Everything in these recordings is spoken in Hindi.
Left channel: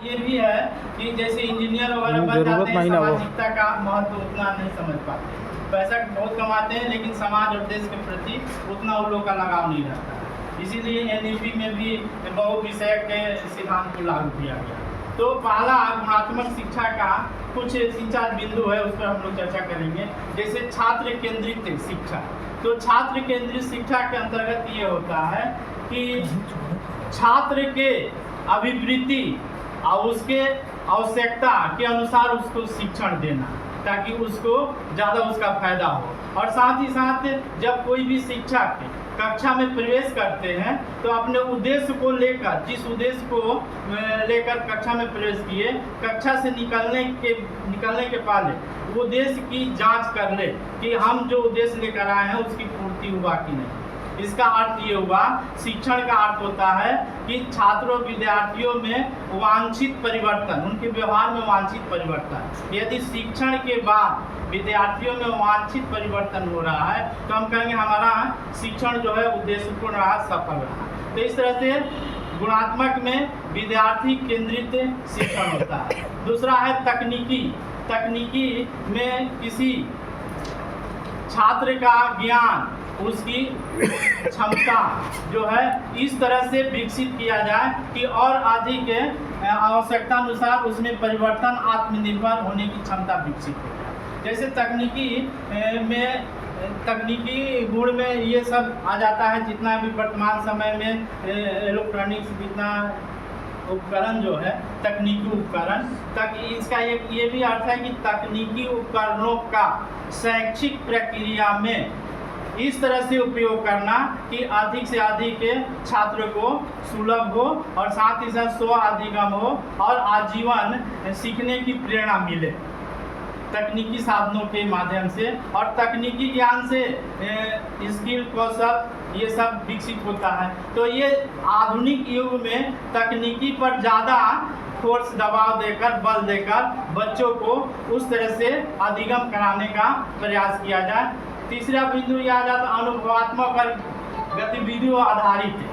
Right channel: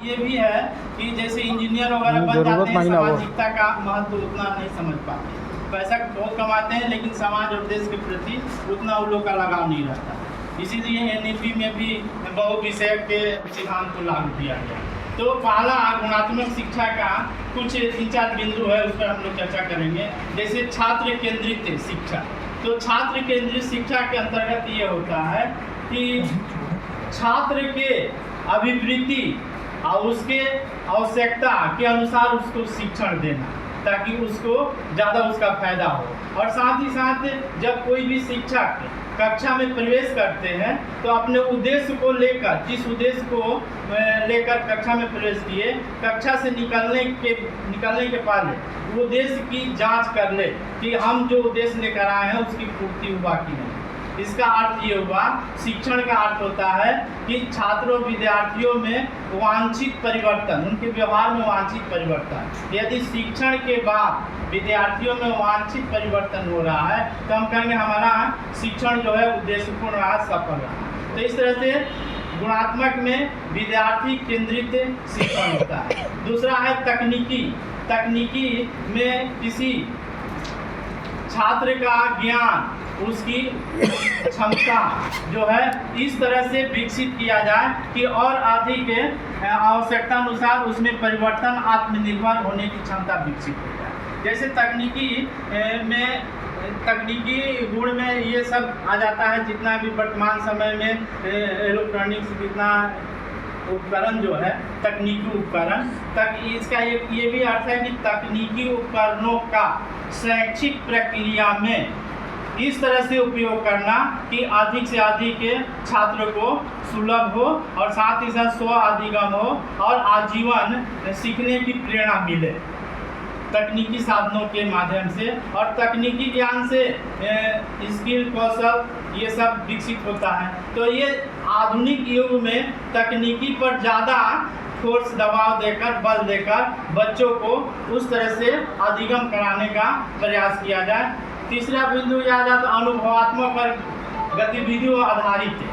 ये भी है कि जैसे इंजीनियर वगैरह बन जरूरत जाते हैं, नहीं ना वो। सामाजिकता का महत्व उतना नहीं समझ पाते। पैसा बहुत कमाते हैं लेकिन समाज और देश के प्रति उतना उन लोग का लगाव नहीं रहता। इसीलिए एनईपी में भी बहुविषय के सिद्धांत को लागू किया गया। तो पहला गुणात्मक शिक्षा का कुछ 3-4 बिंदु है, उस पर हम लोग चर्चा करेंगे। जैसे छात्र केंद्रित शिक्षा। तो छात्र केंद्रित शिक्षा के अंतर्गत ये होता है कि छात्र के अभिवृत्ति और उसके आवश्यकता के अनुसार उसको शिक्षण देना, ताकि उसको ज़्यादा उसका फायदा हो। और साथ ही साथ जब कोई भी शिक्षक कक्षा में प्रवेश करते हैं तो अपने उद्देश्य को लेकर, जिस उद्देश्य को लेकर कक्षा में प्रवेश किए, कक्षा से निकलने के पहले उद्देश्य की जांच कर ले कि हम जो उद्देश्य लेकर आए हैं उसकी पूर्ति हुआ कि नहीं। इसका अर्थ ये हुआ, शिक्षण का अर्थ होता है कि छात्रों विद्यार्थियों में वांछित परिवर्तन, उनके व्यवहार में वांछित परिवर्तन। यदि शिक्षण के बाद विद्यार्थियों में वांछित परिवर्तन हो रहा है तो हम कहेंगे हमारा शिक्षण जो है उद्देश्यपूर्ण रहा, सफल रहा। तो इस तरह से गुणात्मक में विद्यार्थी केंद्रित शिक्षण होता है। दूसरा है तकनीकी। तकनीकी में किसी छात्र का ज्ञान, उसकी क्षमता जो है इस तरह से विकसित किया जाए कि और अधिक आवश्यकता अनुसार उसमें परिवर्तन, आत्मनिर्भर होने की क्षमता विकसित हो जाए। जैसे तकनीकी गुण में ये सब आ जाता है, जितना भी वर्तमान समय में इलेक्ट्रॉनिक्स, जितना उपकरण जो है तकनीकी उपकरण तक, इसका एक ये भी अर्थ है कि तकनीकी उपकरणों का शैक्षिक प्रक्रिया में इस तरह से उपयोग करना कि अधिक से अधिक छात्र को सुलभ हो और साथ ही साथ स्व अधिगम हो और आजीवन सीखने की प्रेरणा मिले तकनीकी साधनों के माध्यम से। और तकनीकी ज्ञान से स्किल, कौशल ये सब विकसित होता है। तो ये आधुनिक युग में तकनीकी पर ज़्यादा फोर्स, दबाव देकर, बल देकर बच्चों को उस तरह से अधिगम कराने का प्रयास किया जाए। तीसरा बिंदु याद आता अनुभवात्मक और गतिविधियों आधारित है।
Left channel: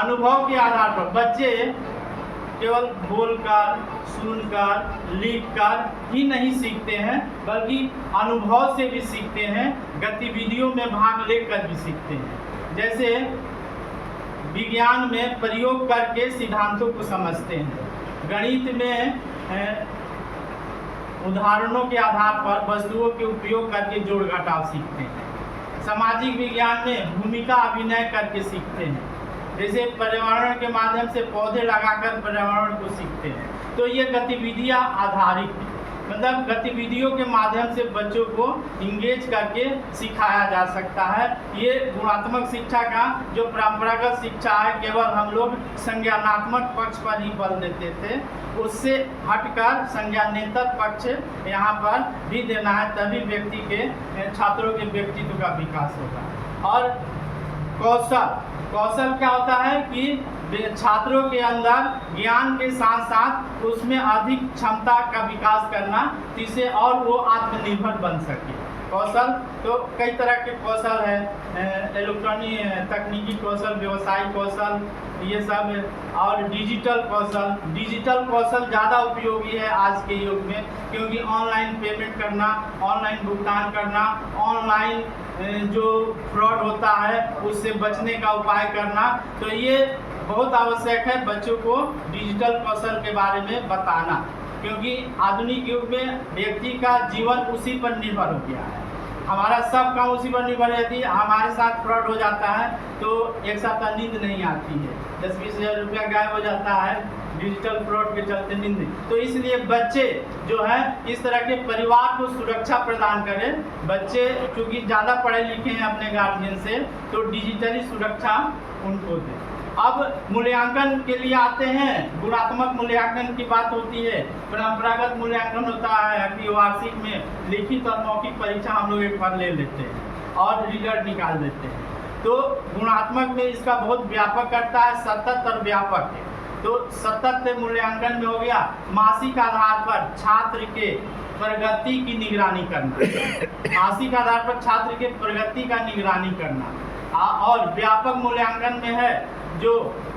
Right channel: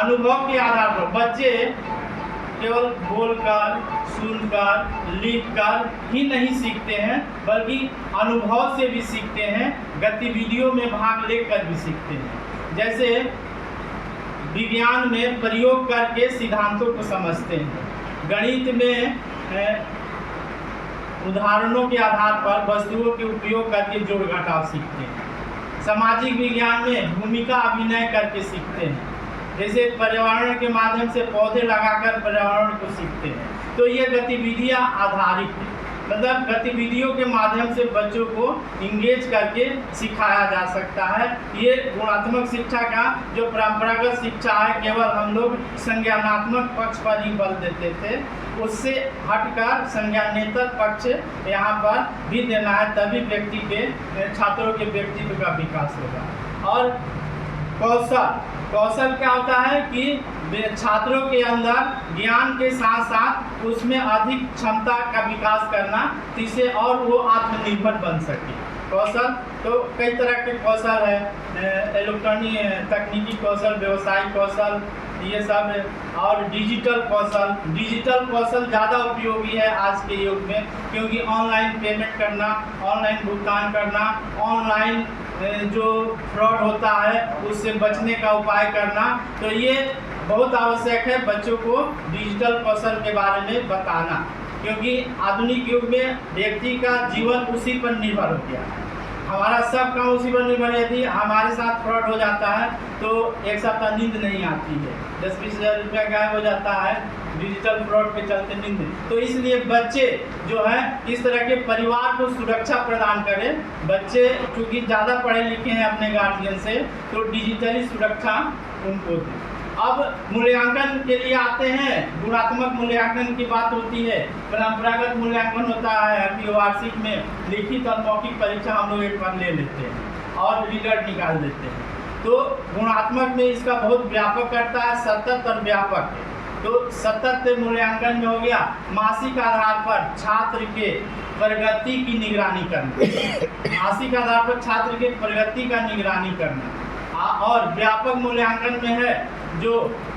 अनुभव के आधार पर बच्चे केवल बोलकर, सुनकर, लिखकर ही नहीं सीखते हैं, बल्कि अनुभव से भी सीखते हैं, गतिविधियों में भाग लेकर भी सीखते हैं। जैसे विज्ञान में प्रयोग करके सिद्धांतों को समझते हैं, गणित में उदाहरणों के आधार पर वस्तुओं के उपयोग करके जोड़ घटाव सीखते हैं, सामाजिक विज्ञान में भूमिका अभिनय करके सीखते हैं, जैसे पर्यावरण के माध्यम से पौधे लगाकर पर्यावरण को सीखते हैं। तो ये गतिविधियाँ आधारित है, मतलब गतिविधियों के माध्यम से बच्चों को इंगेज करके सिखाया जा सकता है। ये गुणात्मक शिक्षा का जो परंपरागत शिक्षा है, केवल हम लोग संज्ञानात्मक पक्ष पर ही बल देते थे, उससे हटकर संज्ञानेतर पक्ष यहाँ पर भी देना है, तभी व्यक्ति के, छात्रों के व्यक्तित्व का विकास होगा। और कौशल क्या होता है कि छात्रों के अंदर ज्ञान के साथ साथ उसमें अधिक क्षमता का विकास करना, जिससे और वो आत्मनिर्भर बन सके। कौशल तो कई तरह के कौशल है, इलेक्ट्रॉनिक तकनीकी कौशल, व्यवसायिक कौशल, ये सब है। और डिजिटल कौशल ज़्यादा उपयोगी है आज के युग में, क्योंकि ऑनलाइन पेमेंट करना, ऑनलाइन भुगतान करना, ऑनलाइन जो फ्रॉड होता है उससे बचने का उपाय करना, तो ये बहुत आवश्यक है बच्चों को डिजिटल कौशल के बारे में बताना, क्योंकि आधुनिक युग में व्यक्ति का जीवन उसी पर निर्भर हो गया है। हमारा सब काम उसी पर निर्भर है। यदि हमारे साथ फ्रॉड हो जाता है तो एक सप्ताह नींद नहीं आती है, 10-20 हज़ार रुपया गायब हो जाता है डिजिटल फ्रॉड के चलते नींद। तो इसलिए बच्चे जो है इस तरह के परिवार को सुरक्षा प्रदान करें। बच्चे चूँकि ज़्यादा पढ़े लिखे हैं अपने गार्जियन से, तो डिजिटली सुरक्षा उनको दें। अब मूल्यांकन के लिए आते हैं। गुणात्मक मूल्यांकन की बात होती है। परंपरागत मूल्यांकन होता है कि वार्षिक में लिखित और मौखिक परीक्षा हम लोग एक बार ले लेते हैं और रिजल्ट निकाल देते हैं। तो गुणात्मक में इसका बहुत व्यापक करता है, सतत और व्यापक है। तो सतत मूल्यांकन में हो गया मासिक आधार पर छात्र के प्रगति की निगरानी करना, मासिक आधार पर छात्र के प्रगति का निगरानी करना। और व्यापक मूल्यांकन में है जो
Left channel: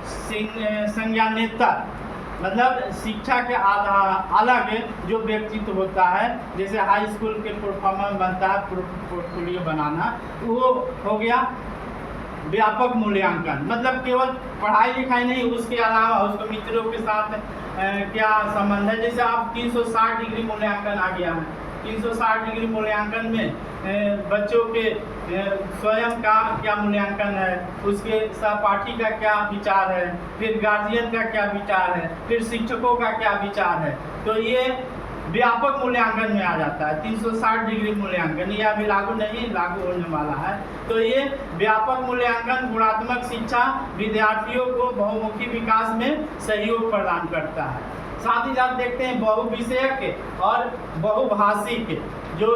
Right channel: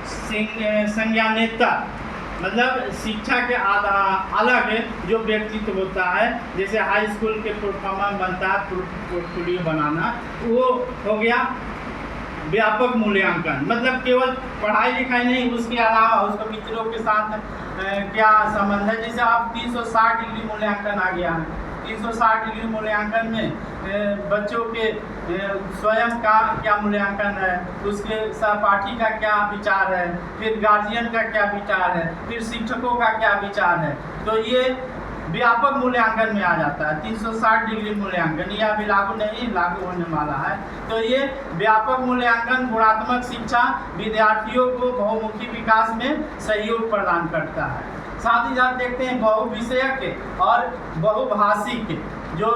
संज्ञानेतर मतलब शिक्षा के अलग जो व्यक्तित्व होता है, जैसे हाई स्कूल के परफॉर्मेंस बनता है, पोर्टफोलियो बनाना, वो हो गया व्यापक मूल्यांकन। मतलब केवल पढ़ाई लिखाई नहीं, उसके अलावा उसको मित्रों के साथ क्या संबंध है। जैसे आप 360 डिग्री मूल्यांकन आ गया है। 360 डिग्री मूल्यांकन में बच्चों के स्वयं का क्या मूल्यांकन है, उसके सहपाठी का क्या विचार है, फिर गार्जियन का क्या विचार है, फिर शिक्षकों का क्या विचार है। तो ये व्यापक मूल्यांकन में आ जाता है 360 डिग्री मूल्यांकन। ये अभी लागू होने वाला है। तो ये व्यापक मूल्यांकन गुणात्मक शिक्षा विद्यार्थियों को बहुमुखी विकास में सहयोग प्रदान करता है। साथ ही साथ देखते हैं बहुविषयक और बहुभाषिक, जो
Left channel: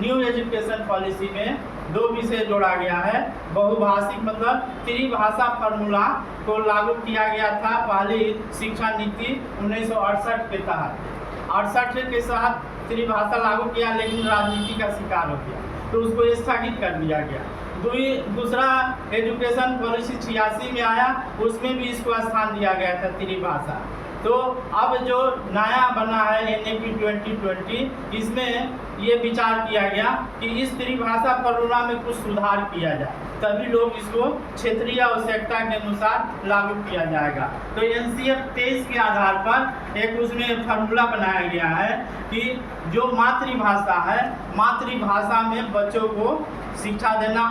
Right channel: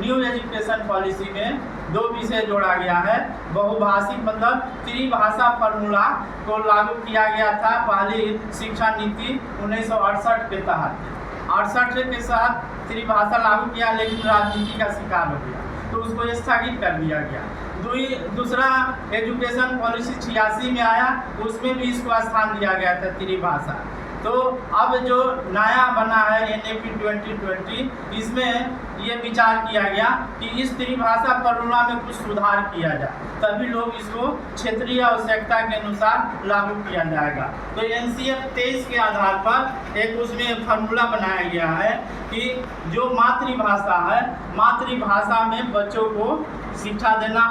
न्यू एजुकेशन पॉलिसी में 2 विषय जोड़ा गया है। बहुभाषिक मतलब त्रिभाषा फॉर्मूला को लागू किया गया था पहली शिक्षा नीति 1968 के तहत। 68 के साथ त्रिभाषा लागू किया, लेकिन राजनीति का शिकार हो गया तो उसको स्थगित कर दिया गया। दूसरा एजुकेशन पॉलिसी 86 में आया, उसमें भी इसको स्थान दिया गया था त्रिभाषा। तो अब जो नया बना है NAP 2020, इसमें ये विचार किया गया कि इस त्रिभाषा फॉर्मूला में कुछ सुधार किया जाए, तभी लोग इसको क्षेत्रीय आवश्यकता के अनुसार लागू किया जाएगा। तो NCF 23 के आधार पर एक उसमें फॉर्मूला बनाया गया है कि जो मातृभाषा है, मातृभाषा में बच्चों को शिक्षा देना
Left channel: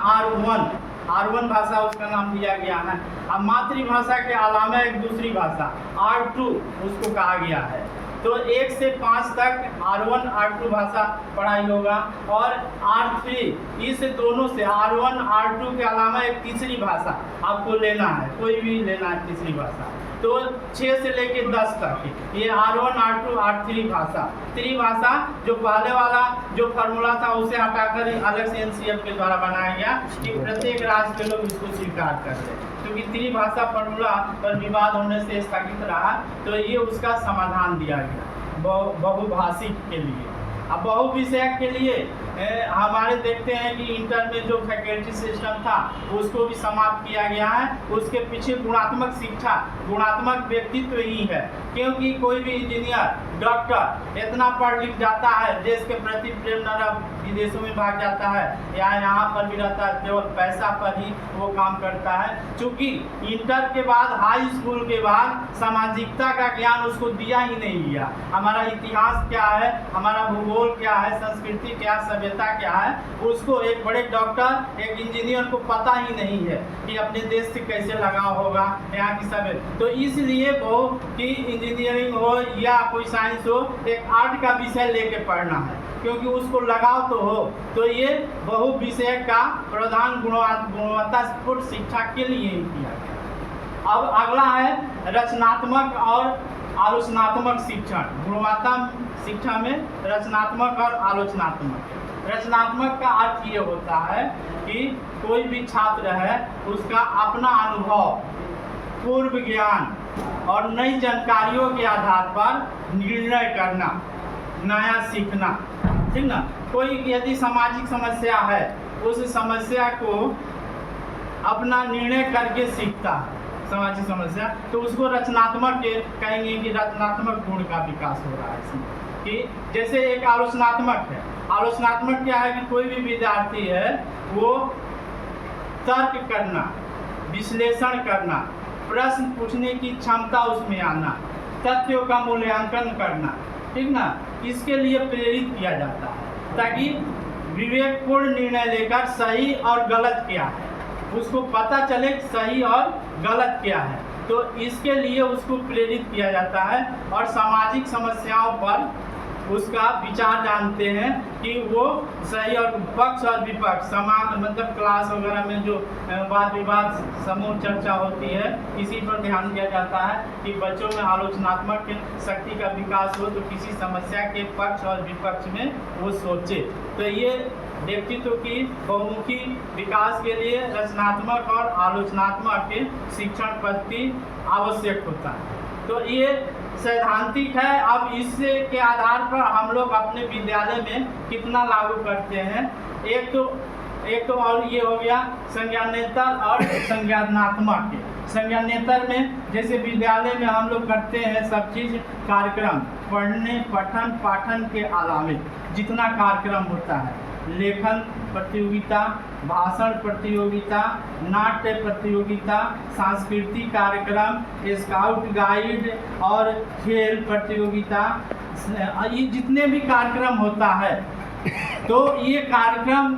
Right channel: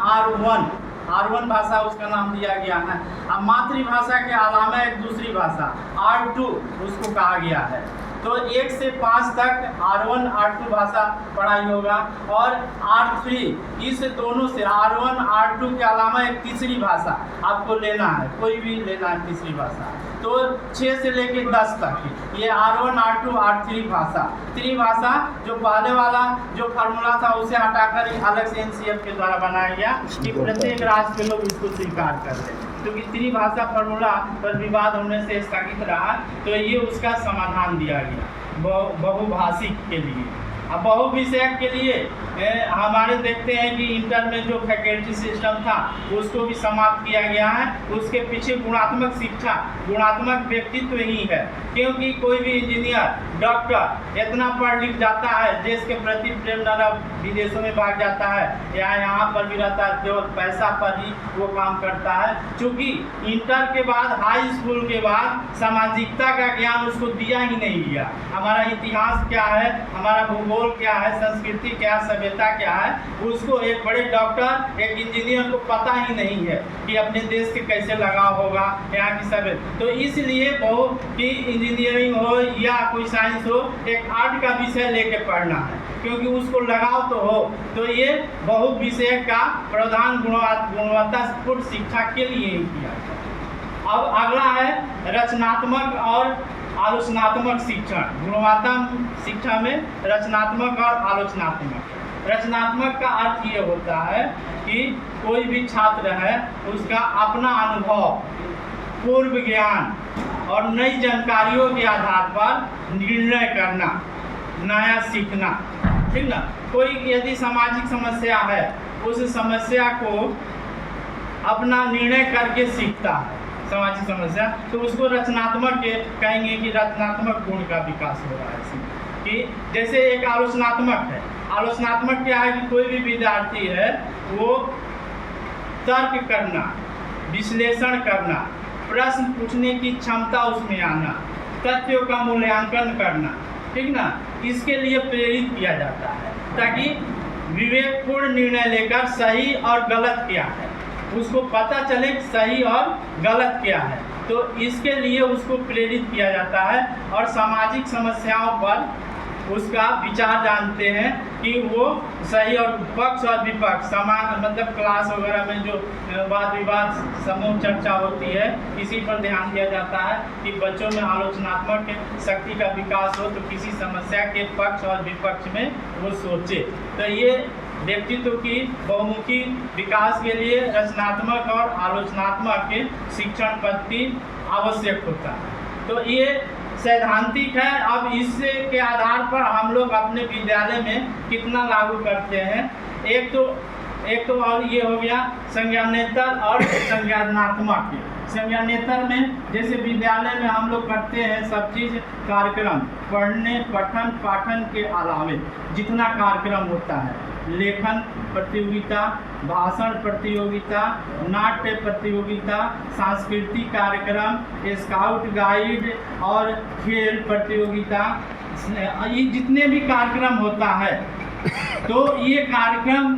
R1 भाषा उसका नाम दिया गया है। अब मातृभाषा के अलावा एक दूसरी भाषा R2 उसको कहा गया है। तो 1 से 5 तक R1 R2 भाषा पढ़ाई होगा, और R3 इस दोनों से R1 R2 के अलावा एक तीसरी भाषा आपको लेना है, कोई भी लेना है तीसरी भाषा। तो 6 से लेके 10 तक ये R1 R2 R3 भाषा। त्रिभाषा जो पहले वाला जो फार्मूला था उसे हटाकर अलग से NCF के द्वारा बनाया गया कि प्रत्येक राज्य के लोग इसको स्वीकार करते हैं, क्योंकि त्रिभाषा फार्मूला पर विवाद होने से स्थगित रहा। तो ये उसका समाधान दिया गया बहुभाषिक के लिए। अब बहुविषयक के लिए हमारे देखते हैं कि इंटर में जो फैकल्टी सिस्टम था उसको भी समाप्त किया गया है। उसके पीछे गुणात्मक शिक्षा, गुणात्मक व्यक्तित्व ही है, क्योंकि कोई भी इंजीनियर, डॉक्टर इतना पढ़ लिख जाता है, देश के प्रति प्रेम न विदेशों में भाग जाता है या यहाँ पर भी रहता है, केवल पैसा पर ही वो काम करता है। क्योंकि इंटर के बाद, हाई स्कूल के बाद सामाजिकता का ज्ञान उसको दिया ही नहीं गया। हमारा इतिहास क्या है, हमारा भूगोल क्या है, संस्कृति क्या, सभ्यता क्या है, उसको एक बड़े डॉक्टर, एक इंजीनियर को पता ही नहीं है कि अपने देश से कैसे लगाव होगा, यहाँ की सभ्यता। तो इसलिए कि इंजीनियरिंग हो या कोई साइंस हो, एक आर्ट का विषय लेके पढ़ना है, क्योंकि उसको लगाव तो हो। तो ये बहुविषय का प्रावधान गुणवत्तापूर्ण शिक्षा के लिए ही किया गया। अब अगला है रचनात्मक और आलोचनात्मक शिक्षण। गुणवत्ता शिक्षा में रचनात्मक और आलोचनात्मक। रचनात्मक का अर्थ ये होता है कि कोई भी छात्र है उसका अपना अनुभव, पूर्व ज्ञान और नई जानकारियों के आधार पर निर्णय करना, नया सीखना, ठीक ना। कोई यदि सामाजिक समस्या है, उस समस्या को अपना निर्णय करके सीखता है, सामाजिक समस्या, तो उसको रचनात्मक कहेंगे कि रचनात्मक गुण का विकास हो रहा है इसमें। कि जैसे एक आलोचनात्मक है। आलोचनात्मक क्या है कि कोई भी विद्यार्थी है वो तर्क करना, विश्लेषण करना, प्रश्न पूछने की क्षमता उसमें आना, तथ्यों का मूल्यांकन करना, ठीक ना, इसके लिए प्रेरित किया जाता है, ताकि विवेकपूर्ण निर्णय लेकर सही और गलत क्या है उसको पता चले, सही और गलत क्या है। तो इसके लिए उसको प्रेरित किया जाता है और सामाजिक समस्याओं पर उसका विचार जानते हैं कि वो सही और पक्ष और विपक्ष, समान मतलब क्लास वगैरह में जो वाद विवाद समूह चर्चा होती है, इसी पर ध्यान दिया जाता है कि बच्चों में आलोचनात्मक शक्ति का विकास हो, तो किसी समस्या के पक्ष और विपक्ष में वो सोचे। तो ये व्यक्तित्व की बहुमुखी विकास के लिए रचनात्मक और आलोचनात्मक शिक्षण पद्धति आवश्यक होता है। तो ये सैद्धांतिक है। अब इससे के आधार पर हम लोग अपने विद्यालय में कितना लागू करते हैं। एक तो और ये हो गया संज्ञानेतर और संज्ञानात्मक। संज्ञानेतर में जैसे विद्यालय में हम लोग करते हैं सब चीज़ कार्यक्रम, पढ़ने पठन पाठन के अलावे जितना कार्यक्रम होता है, लेखन प्रतियोगिता, भाषण प्रतियोगिता, नाट्य प्रतियोगिता, सांस्कृतिक कार्यक्रम, स्काउट गाइड और खेल प्रतियोगिता, ये जितने भी कार्यक्रम होता है तो ये कार्यक्रम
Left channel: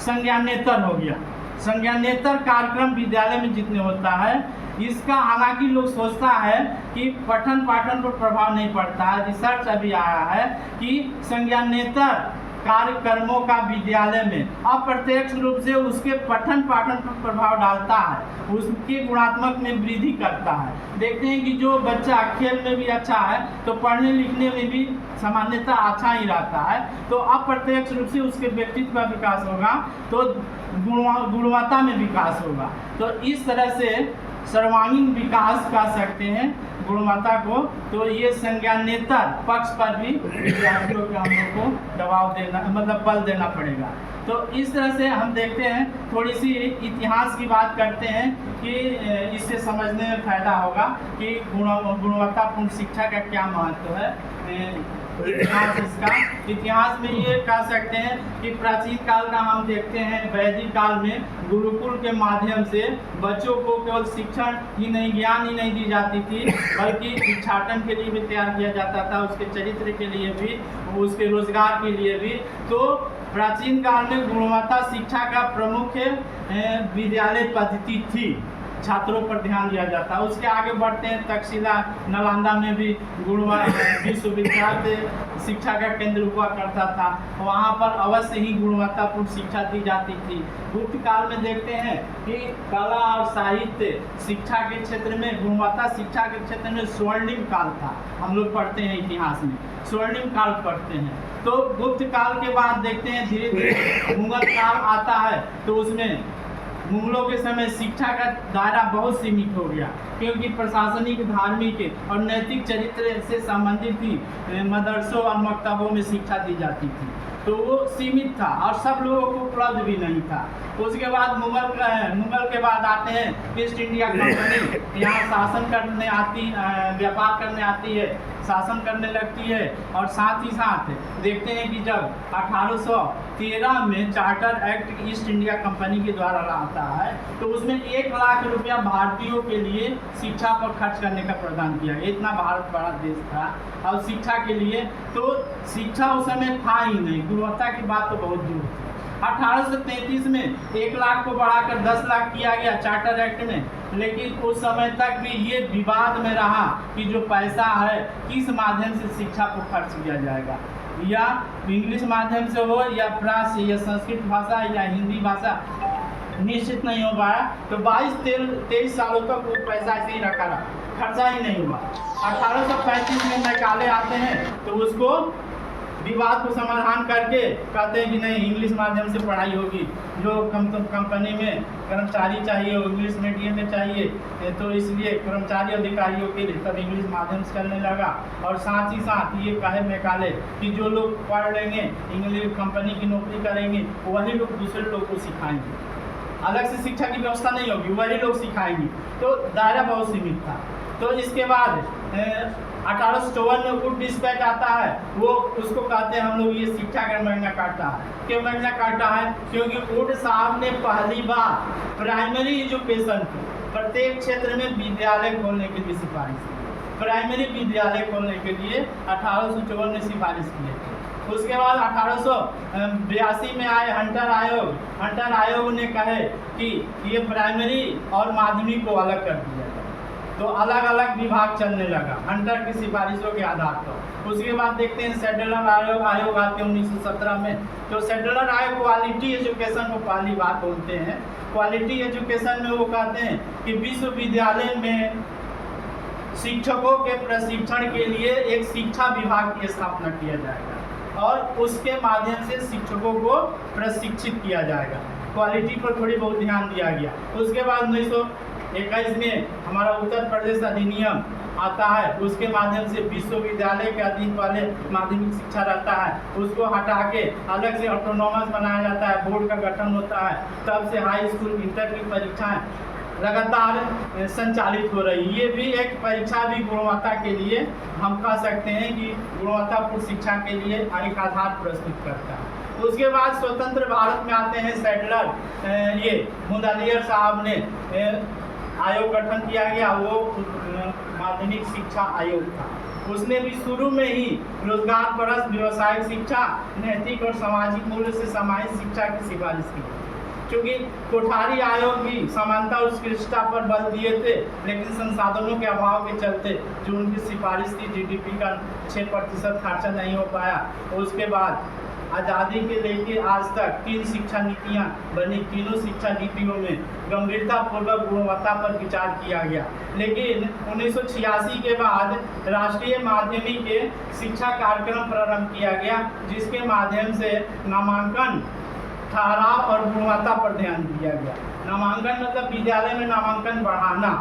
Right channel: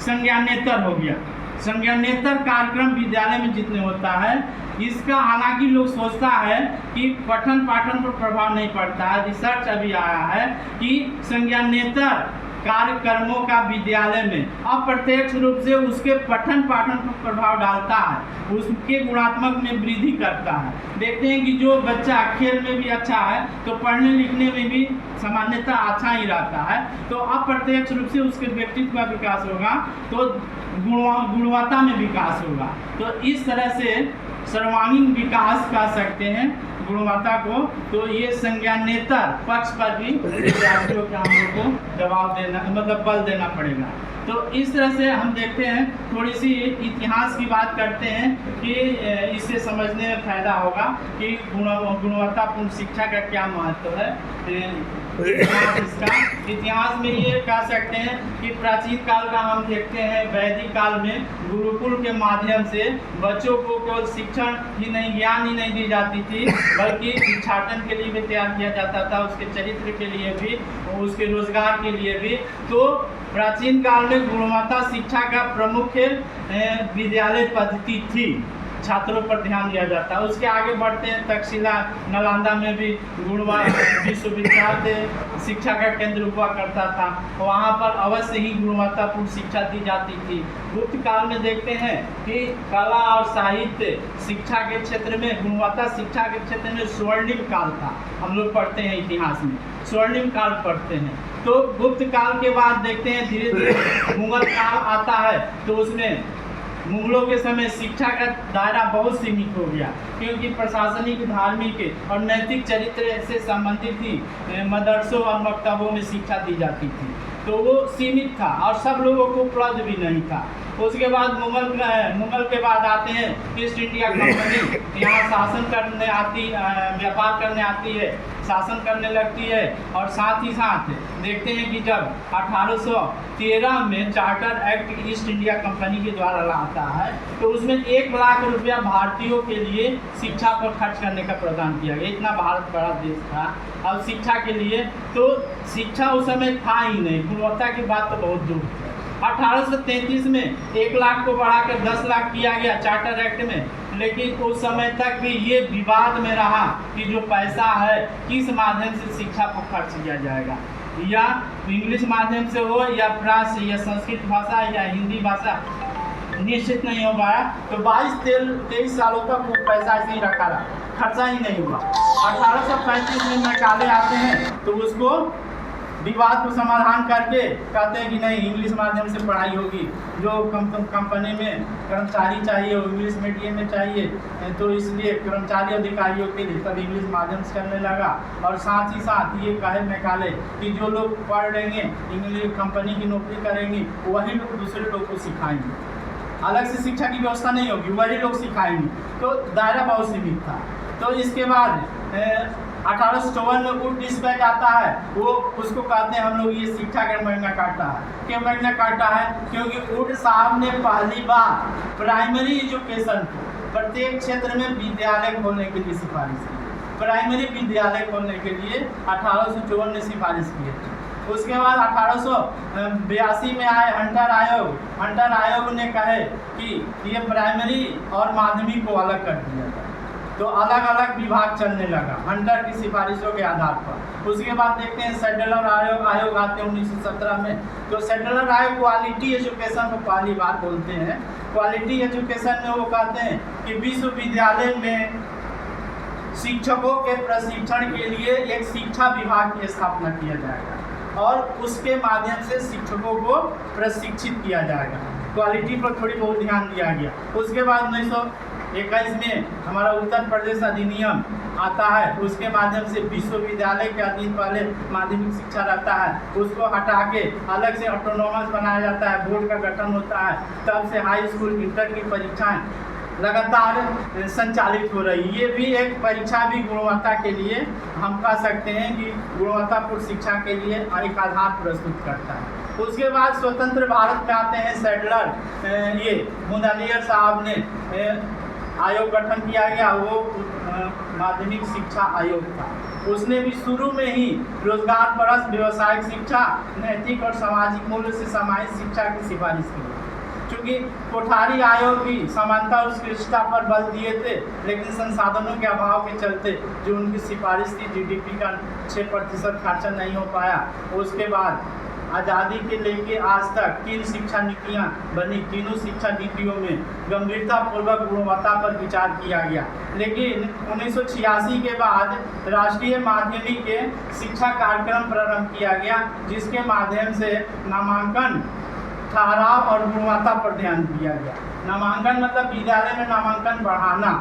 संज्ञानेतर हो गया। संज्ञानेतर कार्यक्रम विद्यालय में जितने होता है, इसका हालांकि लोग सोचता है कि पठन पाठन पर प्रभाव नहीं पड़ता है। रिसर्च अभी आया है कि संज्ञानेतर कार्यक्रमों का विद्यालय में अप्रत्यक्ष रूप से उसके पठन पाठन पर प्रभाव डालता है, उसके गुणात्मक में वृद्धि करता है। देखते हैं कि जो बच्चा खेल में भी अच्छा है तो पढ़ने लिखने में भी सामान्यतः अच्छा ही रहता है, तो अप्रत्यक्ष रूप से उसके व्यक्तित्व का विकास होगा, तो गुणवत्ता में विकास होगा। तो इस तरह से सर्वांगीण विकास कह सकते हैं गुणवत्ता को। तो ये संज्ञानेतर पक्ष पर भी विद्यार्थियों के हम लोग को दबाव देना, मतलब बल देना पड़ेगा। तो इस तरह से हम देखते हैं, थोड़ी सी इतिहास की बात करते हैं कि इससे समझने में फायदा होगा कि गुणवत्तापूर्ण शिक्षा का क्या महत्व है। इतिहास में ये कह सकते हैं कि प्राचीन काल का हम देखते हैं, वैदिक काल में गुरुकुल के माध्यम से बच्चों को केवल शिक्षण ही नहीं, ज्ञान ही नहीं दी जाती थी, बल्कि भिक्षाटन के लिए भी तैयार किया जाता था, उसके चरित्र के लिए भी, उसके रोजगार के लिए भी। तो प्राचीन काल में गुणवत्ता शिक्षा का प्रमुख विद्यालय पद्धति थी, छात्रों पर ध्यान दिया जाता है। उसके आगे बढ़ते हैं, तक्षशिला नालंदा में भी विश्वविद्यालय शिक्षा का केंद्र हुआ करता था, वहाँ पर अवश्य ही गुणवत्तापूर्ण शिक्षा दी जाती थी। गुप्त काल में देखते हैं कि कला और साहित्य शिक्षा के क्षेत्र में, गुणवत्ता शिक्षा के क्षेत्र में स्वर्णिम काल था। हम लोग पढ़ते हैं इतिहास में, स्वर्णिम काल पढ़ते हैं। तो गुप्त काल के बाद देखते हैं धीरे धीरे मुगल काल आता है, तो उसमें मुगलों के समय शिक्षा का दायरा बहुत सीमित हो गया, क्योंकि प्रशासनिक, धार्मिक और नैतिक चरित्र से संबंधित ही मदरसों और मकतबों में शिक्षा दी जाती थी, तो वो सीमित था और सब लोगों को उपलब्ध भी नहीं था। उसके बाद मुगल के बाद आते हैं ईस्ट इंडिया कंपनी, यहाँ शासन करने आती, व्यापार करने आती है, शासन करने लगती है। और साथ ही साथ देखते हैं कि जब 1813 में charter act east India company के द्वारा आता है, तो उसमें 1 लाख रुपया भारतीयों के लिए शिक्षा पर खर्च करने का प्रदान किया गया। इतना भारत बड़ा देश था और शिक्षा के लिए, तो शिक्षा उस समय था ही नहीं, गुणवत्ता की बात तो बहुत दूर थी। 1833 में 1 लाख को बढ़ाकर 10 लाख किया गया चार्टर एक्ट में, लेकिन उस समय तक भी ये विवाद में रहा कि जो पैसा है किस माध्यम से शिक्षा को खर्च किया जाएगा, या इंग्लिश माध्यम से हो या फ्रांस या संस्कृत भाषा या हिंदी भाषा, निश्चित नहीं हो पाया। तो 22-23 सालों तक वो पैसा ऐसे ही रखा रहा, खर्चा ही नहीं हुआ। 1835 में मैकाले आते हैं, तो उसको विवाद को समाधान करके कहते हैं कि नहीं, इंग्लिश माध्यम से पढ़ाई होगी, जो कंपनी में कर्मचारी चाहिए वो इंग्लिश मीडियम में चाहिए, तो इसलिए कर्मचारी अधिकारियों के लिए तब इंग्लिश माध्यम से चलने लगा। और साथ ही साथ ये कहे मैकाले कि जो लोग पढ़ लेंगे, इंग्लिश कंपनी की नौकरी करेंगे, वही लोग दूसरे लोग को सिखाएंगे, अलग से शिक्षा की व्यवस्था नहीं होगी, वही लोग सिखाएंगे। तो दायरा बहुत सीमित था। तो इसके बाद 1854 में वुड डिस्पैच आता है, वो उसको कहते हैं हम लोग ये शिक्षा का मैग्ना कार्टा है। क्यों मैग्ना कार्टा है? क्योंकि वुड साहब ने पहली बार प्राइमरी एजुकेशन प्रत्येक क्षेत्र में विद्यालय खोलने के लिए सिफारिश की। प्राइमरी विद्यालय खोलने के लिए 1854 ने सिफारिश की है। उसके बाद 1882 में आए हंटर आयोग। हंटर आयोग ने कहे कि ये प्राइमरी और माध्यमिक को अलग कर दिया जाए, तो अलग अलग विभाग चलने लगा हंटर की सिफारिशों के आधार पर। उसके बाद देखते हैं सेडलर आयोग आते हैं 1917 में। तो सेडलर आयोग क्वालिटी एजुकेशन को पहली बार बोलते हैं। क्वालिटी एजुकेशन में वो कहते हैं कि विश्वविद्यालय में शिक्षकों के प्रशिक्षण के लिए एक शिक्षा विभाग की स्थापना किया जाएगा और उसके माध्यम से शिक्षकों को प्रशिक्षित किया जाएगा। क्वालिटी पर थोड़ी बहुत ध्यान दिया गया। उसके बाद 1921 में हमारा उत्तर प्रदेश अधिनियम आता है, उसके माध्यम से विश्वविद्यालय के अधीन वाले माध्यमिक शिक्षा रहता है, उसको हटा के अलग से ऑटोनोमस बनाया जाता है, बोर्ड का गठन होता है। तब से हाई स्कूल इंटर की परीक्षाएं लगातार संचालित हो रही। ये भी एक परीक्षा भी गुणवत्ता के लिए हम कह सकते हैं कि गुणवत्तापूर्ण शिक्षा के लिए एक आधार प्रस्तुत करता है। उसके बाद स्वतंत्र भारत में आते हैं सैडलर, ये मुदलियर साहब ने आयोग गठन किया गया, वो माध्यमिक शिक्षा आयोग था। उसने भी शुरू में ही रोजगार परस्त व्यावसायिक शिक्षा, नैतिक और सामाजिक मूल्य से समाहित शिक्षा की सिफारिश की। क्योंकि कोठारी आयोग भी समानता और उत्कृष्टता पर बल दिए थे, लेकिन संसाधनों के अभाव के चलते जो उनकी सिफारिश थी जीडीपी का 6% खर्चा नहीं हो पाया। उसके बाद आज़ादी के लेके आज तक 3 शिक्षा नीतियाँ बनी, तीनों शिक्षा नीतियों में गंभीरतापूर्वक गुणवत्ता पर विचार किया गया। लेकिन 1986 के बाद राष्ट्रीय माध्यमिक के शिक्षा कार्यक्रम प्रारंभ किया गया, जिसके माध्यम से नामांकन, ठहराव और गुणवत्ता पर ध्यान दिया गया। नामांकन मतलब विद्यालय में नामांकन बढ़ाना।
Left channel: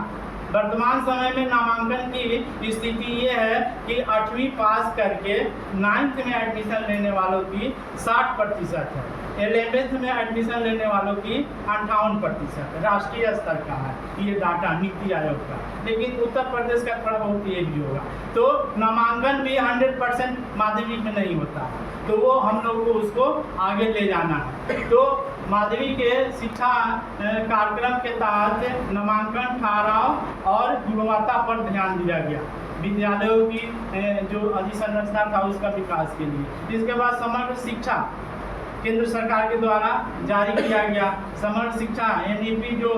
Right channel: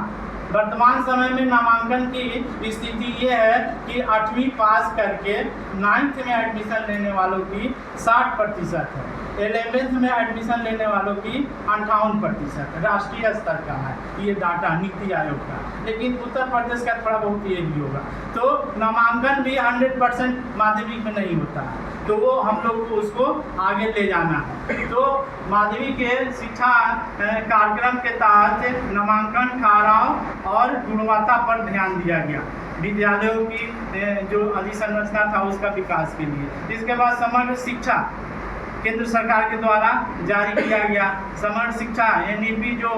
वर्तमान समय में नामांकन की स्थिति ये है कि 8वीं पास करके 9th में एडमिशन लेने वालों की 60% है, 11th में एडमिशन लेने वालों की 58% राष्ट्रीय स्तर का है ये डाटा नीति आयोग का। लेकिन उत्तर प्रदेश का थोड़ा बहुत ये भी होगा। तो नामांकन भी 100% माध्यमिक में नहीं होता है, तो वो हम लोग को उसको आगे ले जाना है। तो माध्यमिक के शिक्षा कार्यक्रम के तहत नामांकन, ठहराव और गुणवत्ता पर ध्यान दिया गया विद्यालयों की जो अधिसंरचना था उसका विकास के लिए। इसके बाद समग्र शिक्षा केंद्र सरकार के द्वारा जारी किया गया। समग्र शिक्षा NEP जो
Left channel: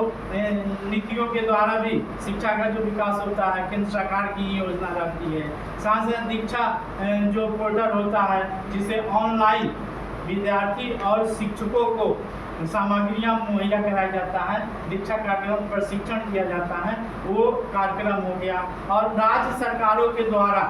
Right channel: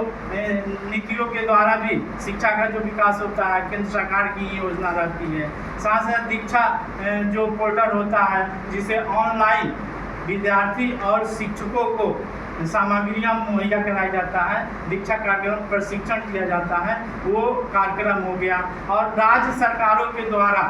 नीतियों के द्वारा भी शिक्षा का जो विकास होता है केंद्र सरकार की योजना रहती है। साथ साथ दीक्षा जो पोर्टल होता है जिसे ऑनलाइन विद्यार्थी और शिक्षकों को सामग्रियाँ मुहैया कराया जाता है, दीक्षा कार्यक्रम प्रशिक्षण किया जाता है, वो कार्यक्रम हो गया। और राज्य सरकारों के द्वारा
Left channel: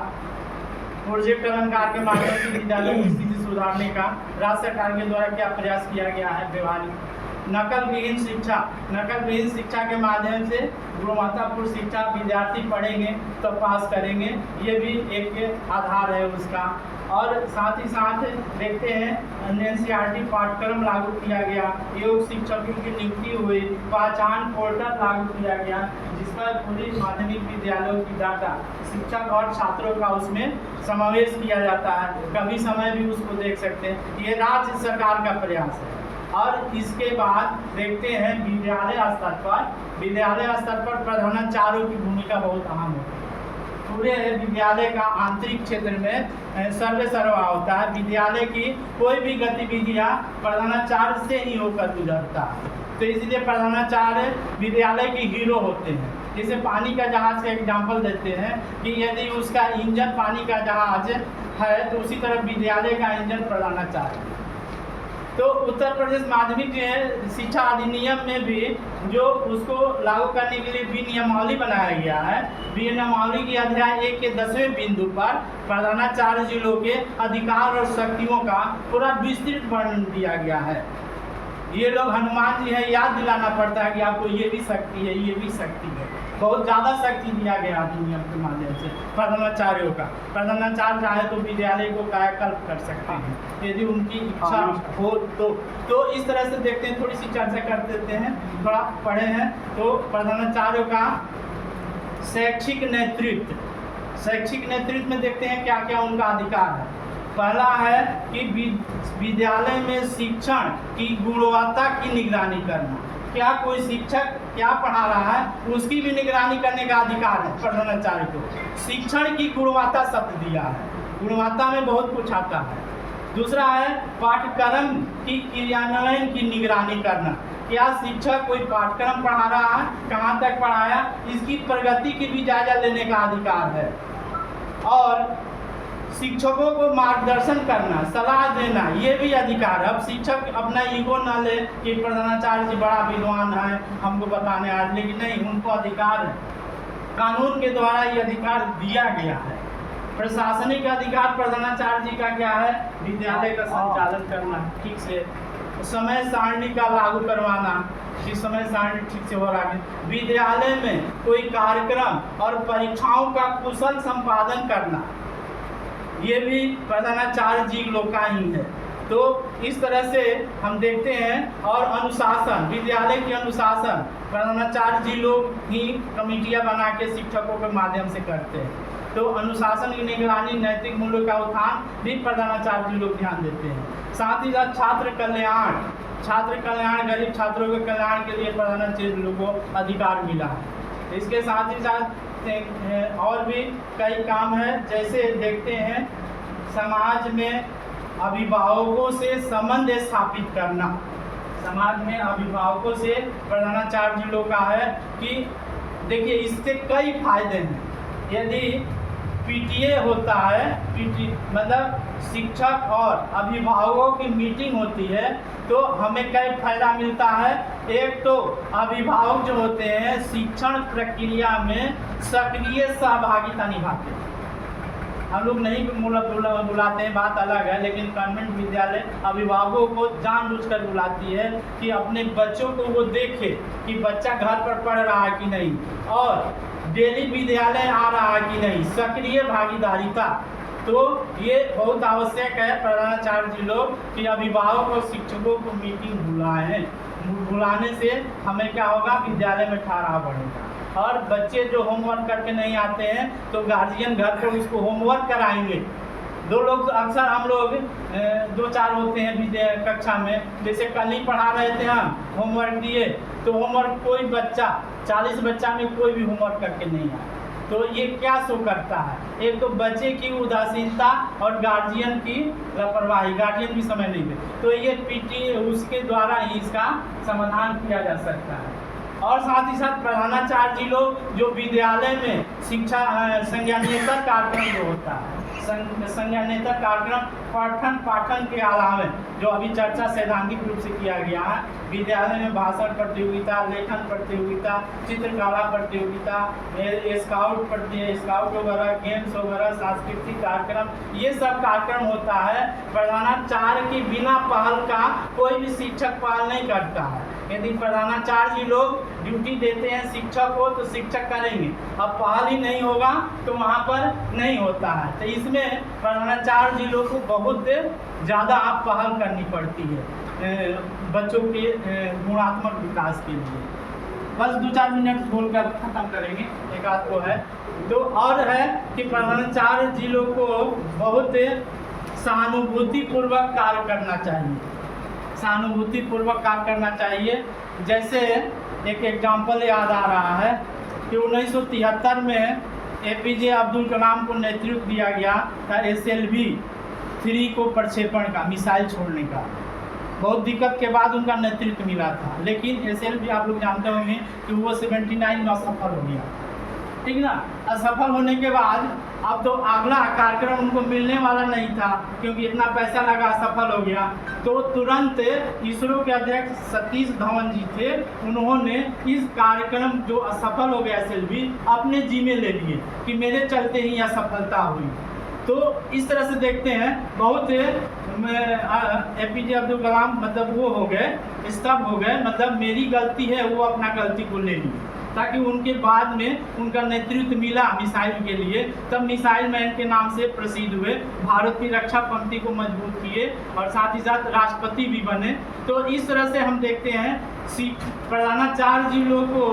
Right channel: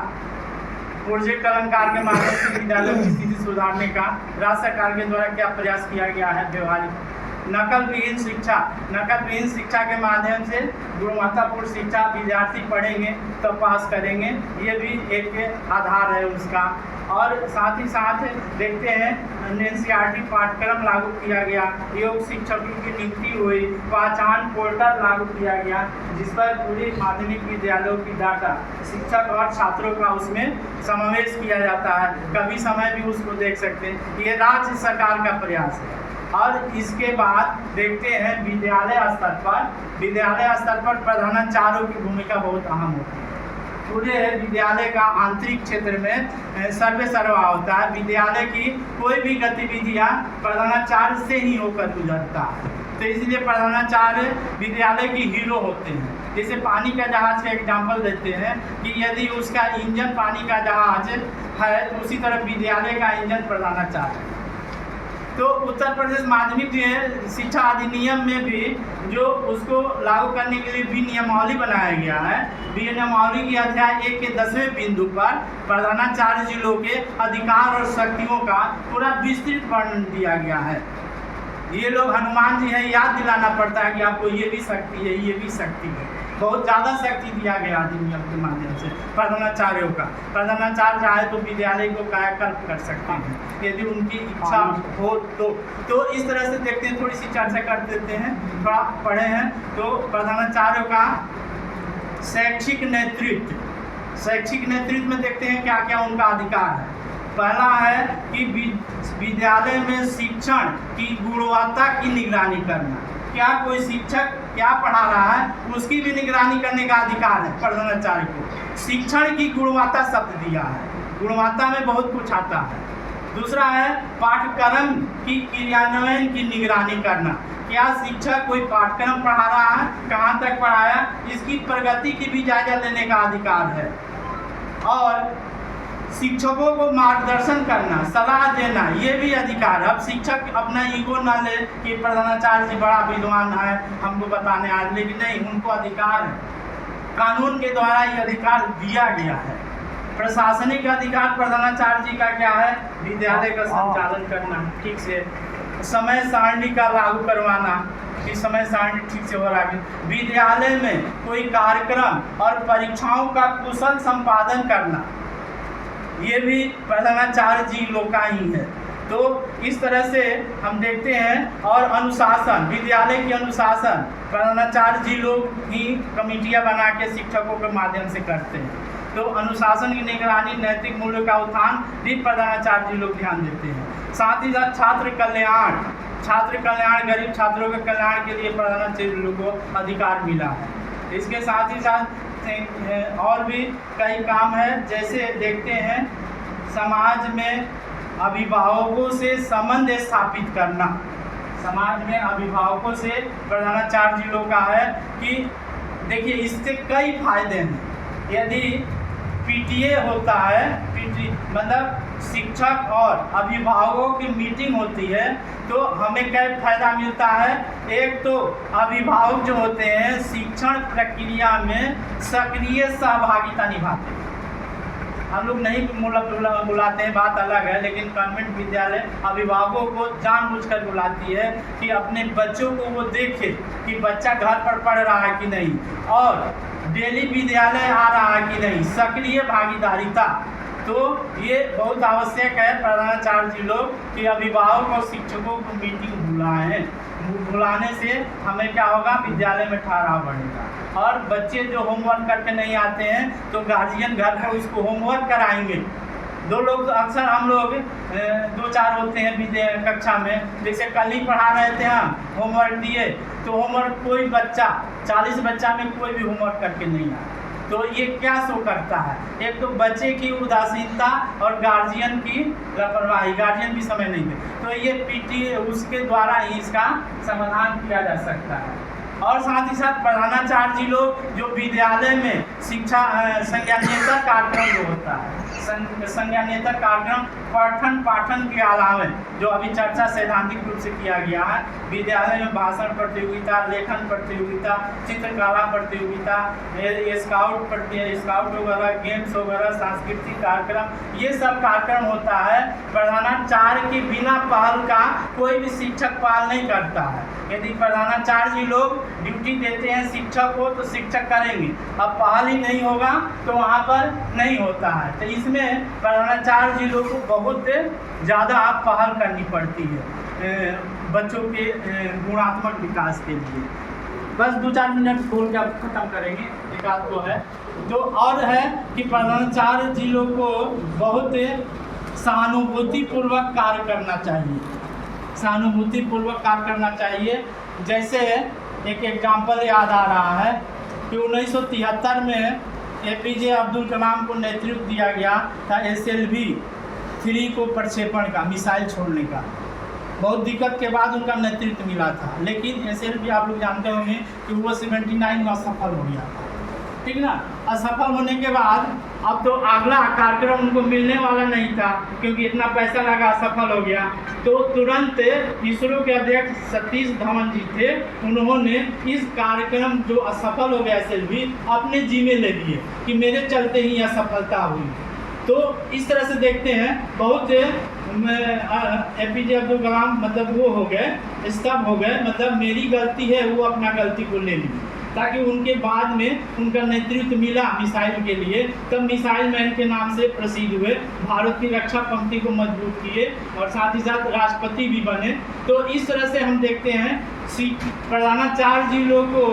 प्रोजेक्ट अलंकार के माध्यम से विद्यालयों की स्थिति सुधारने का राज्य सरकार के द्वारा क्या प्रयास किया गया है। व्यवहारिक नकल विहीन शिक्षा, नकल विहीन शिक्षा के माध्यम से गुणवत्तापूर्ण शिक्षा विद्यार्थी पढ़ेंगे तो पास करेंगे, ये भी एक आधार है उसका। और साथ ही साथ देखते हैं NCERT पाठ्यक्रम लागू किया गया, योग शिक्षकों की नियुक्ति हुई, पहचान पोर्टल लागू किया गया जिस पर पूरी माध्यमिक विद्यालयों की डाटा शिक्षक और छात्रों का उसमें समावेश किया जाता है, कभी समय भी उसको देख सकते हैं। ये राज्य सरकार का प्रयास है। और इसके बाद देखते हैं विद्यालय स्तर पर प्रधानाचार्यों की भूमिका बहुत अहम होती है। पूरे विद्यालय का आंतरिक क्षेत्र में सर्वे सर्वा होता है। विद्यालय की कोई भी गतिविधियाँ प्रधानाचार्य से ही होकर गुजरता है, तो इसलिए प्रधानाचार्य विद्यालय की हीरो होते हैं। जैसे पानी का जहाज का एग्जाम्पल देते हैं कि यदि उसका इंजन पानी का जहाज है तो उसी तरह विद्यालय का इंजन प्रधानाचार्य। तो उत्तर प्रदेश माध्यमिक शिक्षा अधिनियम में भी जो उसको लागू करने के लिए विनियमावली बनाया गया है, विनियमावली की अध्याय 1 के 10वें बिंदु पर प्रधानाचार्य जिलों के अधिकार और शक्तियों का पूरा विस्तृत वर्णन दिया गया है। ये लोग हनुमान जी हैं, याद दिलाना पड़ता है कि आपको ये भी शक्ति है, ये भी शक्ति है। बहुत ज़्यादा शक्ति दिया गया अधिनियम के माध्यम से प्रधानाचार्यों का। प्रधानाचार्य चाहे तो विद्यालय को कायाकल्प कर सकते हैं यदि उनकी इच्छा हो तो इस तरह से देखते हैं। थोड़ी सी चर्चा कर देते हैं, थोड़ा पढ़े हैं। तो प्रधानाचार्यों का शैक्षिक नेतृत्व में देखते हैं क्या क्या उनका अधिकार है। पहला है कि विद्यालय में शिक्षण की गुणवत्ता की निगरानी करना। क्या कोई शिक्षक क्या पढ़ा रहा है उसकी भी निगरानी करने का अधिकार है प्रधानाचार्य को। शिक्षण की गुणवत्ता शब्द दिया है, गुणवत्ता में बहुत कुछ आता है। दूसरा है पाठ्यक्रम की क्रियान्वयन की निगरानी करना। क्या शिक्षक कोई पाठ्यक्रम पढ़ा रहा है, कहाँ तक पढ़ाया, इसकी प्रगति की भी जायजा लेने का अधिकार है। और शिक्षकों को मार्गदर्शन करना, सलाह देना, ये भी अधिकार है। अब शिक्षक अपना ईगो ना ले कि प्रधानाचार्य जी बड़ा विद्वान है हमको बताने आज, लेकिन नहीं, उनको अधिकार है, कानून के द्वारा ये अधिकार दिया गया है। प्रशासनिक अधिकार प्रधानाचार्य जी का क्या है, विद्यालय का संचालन करना, ठीक से समय सारणी का लागू करवाना कि समय सारणी ठीक से हो रहा है। विद्यालय में कोई कार्यक्रम और परीक्षाओं का कुशल संपादन करना, ये भी प्रधानाचार्य जी लोग का ही है। तो इस तरह से हम देखते हैं। और अनुशासन, विद्यालय की अनुशासन प्रधानाचार्य जी लोग ही कमेटियाँ बना के शिक्षकों के माध्यम से करते हैं। तो अनुशासन की निगरानी, नैतिक मूल्यों का उत्थान भी प्रधानाचार्य जी लोग ध्यान देते हैं। साथ ही साथ छात्र कल्याण, गरीब छात्रों के कल्याण के लिए प्रधानाचार्य जी लोगों को अधिकार मिला है। इसके साथ ही साथ और भी कई काम है, जैसे देखते हैं समाज में अभिभावकों से संबंध स्थापित करना। समाज में अभिभावकों से प्रधानाचार्य जी लोग का है कि देखिए इससे कई फायदे हैं। यदि पीटीए होता है, मतलब शिक्षक और अभिभावकों की मीटिंग होती है, तो हमें कई फायदा मिलता है। एक तो अभिभावक जो होते हैं शिक्षण प्रक्रिया में सक्रिय सहभागिता निभाते हैं। हम लोग नहीं बुलाते हैं, बात अलग है, लेकिन कॉन्वेंट विद्यालय अभिभावकों को जानबूझकर बुलाती है कि अपने बच्चों को वो देखे कि बच्चा घर पर पढ़ रहा है कि नहीं और डेली विद्यालय आ रहा है कि नहीं, सक्रिय भागीदारिता। तो ये बहुत आवश्यक है प्रधानाचार्य जी लोग कि अभिभावक और शिक्षकों को मीटिंग बुलाएं। बुलाने से हमें क्या होगा, विद्यालय में ठहराव बढ़ेगा। और बच्चे जो होमवर्क करके नहीं आते हैं तो गार्जियन घर पर उसको होमवर्क कराएंगे। दो लोग अक्सर हम लोग 2-4 होते हैं कक्षा में, जैसे कल ही पढ़ा रहे थे हम, होमवर्क दिए तो होमवर्क कोई बच्चा 40 बच्चा में कोई भी होमवर्क करके नहीं आया। तो ये क्या शो करता है, एक तो बच्चे की उदासीनता और गार्जियन की लापरवाही, गार्जियन भी समय नहीं दे। तो ये पीटी उसके द्वारा ही इसका समाधान किया जा सकता है। और साथ ही साथ प्रधानाचार्य जी लोग जो विद्यालय में शिक्षा संज्ञानेतर कार्यक्रम जो होता है, संज्ञानेतर कार्यक्रम पठन पाठन के अलावा जो अभी चर्चा सैद्धांतिक रूप से किया गया है, विद्यालय में भाषण प्रतियोगिता, लेखन प्रतियोगिता, चित्रकला प्रतियोगिता, स्काउट वगैरह, गेम्स वगैरह, सांस्कृतिक कार्यक्रम, ये सब कार्यक्रम होता है। प्रधानाचार्य के बिना पहल का कोई भी शिक्षक पहल नहीं करता है। यदि प्रधानाचार्य जी लोग ड्यूटी देते हैं शिक्षक को तो शिक्षक करेंगे, अब पहल ही नहीं होगा तो वहाँ पर नहीं होता है। तो इसमें प्रधानाचार्य जी लोग को बहुत ज़्यादा पहल करनी पड़ती है बच्चों के गुणात्मक विकास के लिए। बस 2-4 मिनट बोल के अब खत्म करेंगे, एक आध को है तो और है कि प्रधानाचार्य जी लोग को बहुत सहानुभूतिपूर्वक कार्य करना चाहिए, सहानुभूतिपूर्वक कार्य करना चाहिए। जैसे एक एग्जाम्पल याद आ रहा है कि 1973 में APJ अब्दुल कलाम को नेतृत्व दिया गया था SLV-3 को प्रक्षेपण का, मिसाइल छोड़ने का। बहुत दिक्कत के बाद उनका नेतृत्व मिला था, लेकिन SLV आप लोग जानते होंगे कि वो 79 में असफल हो गया, ठीक ना। असफल होने के बाद अब तो अगला कार्यक्रम उनको मिलने वाला नहीं था क्योंकि इतना पैसा लगा, असफल हो गया। तो तुरंत इसरो के अध्यक्ष सतीश धवन जी थे, उन्होंने इस कार्यक्रम जो असफल हो गया SLV अपने जिम्मे ले लिए कि मेरे चलते ही यह सफलता हुई। तो इस तरह से देखते हैं बहुत APJ अब्दुल कलाम मतलब वो हो गए, स्तब्ध हो गए, मतलब मेरी गलती है, वो अपना गलती को ले ली, ताकि उनके बाद में उनका नेतृत्व मिला मिसाइल के लिए, तब मिसाइल मैन के नाम से प्रसिद्ध हुए, भारत की रक्षा पंक्ति को मजबूत किए और साथ ही साथ राष्ट्रपति भी बने। तो इस तरह से हम देखते हैं प्रधानाचार्य जी लोग को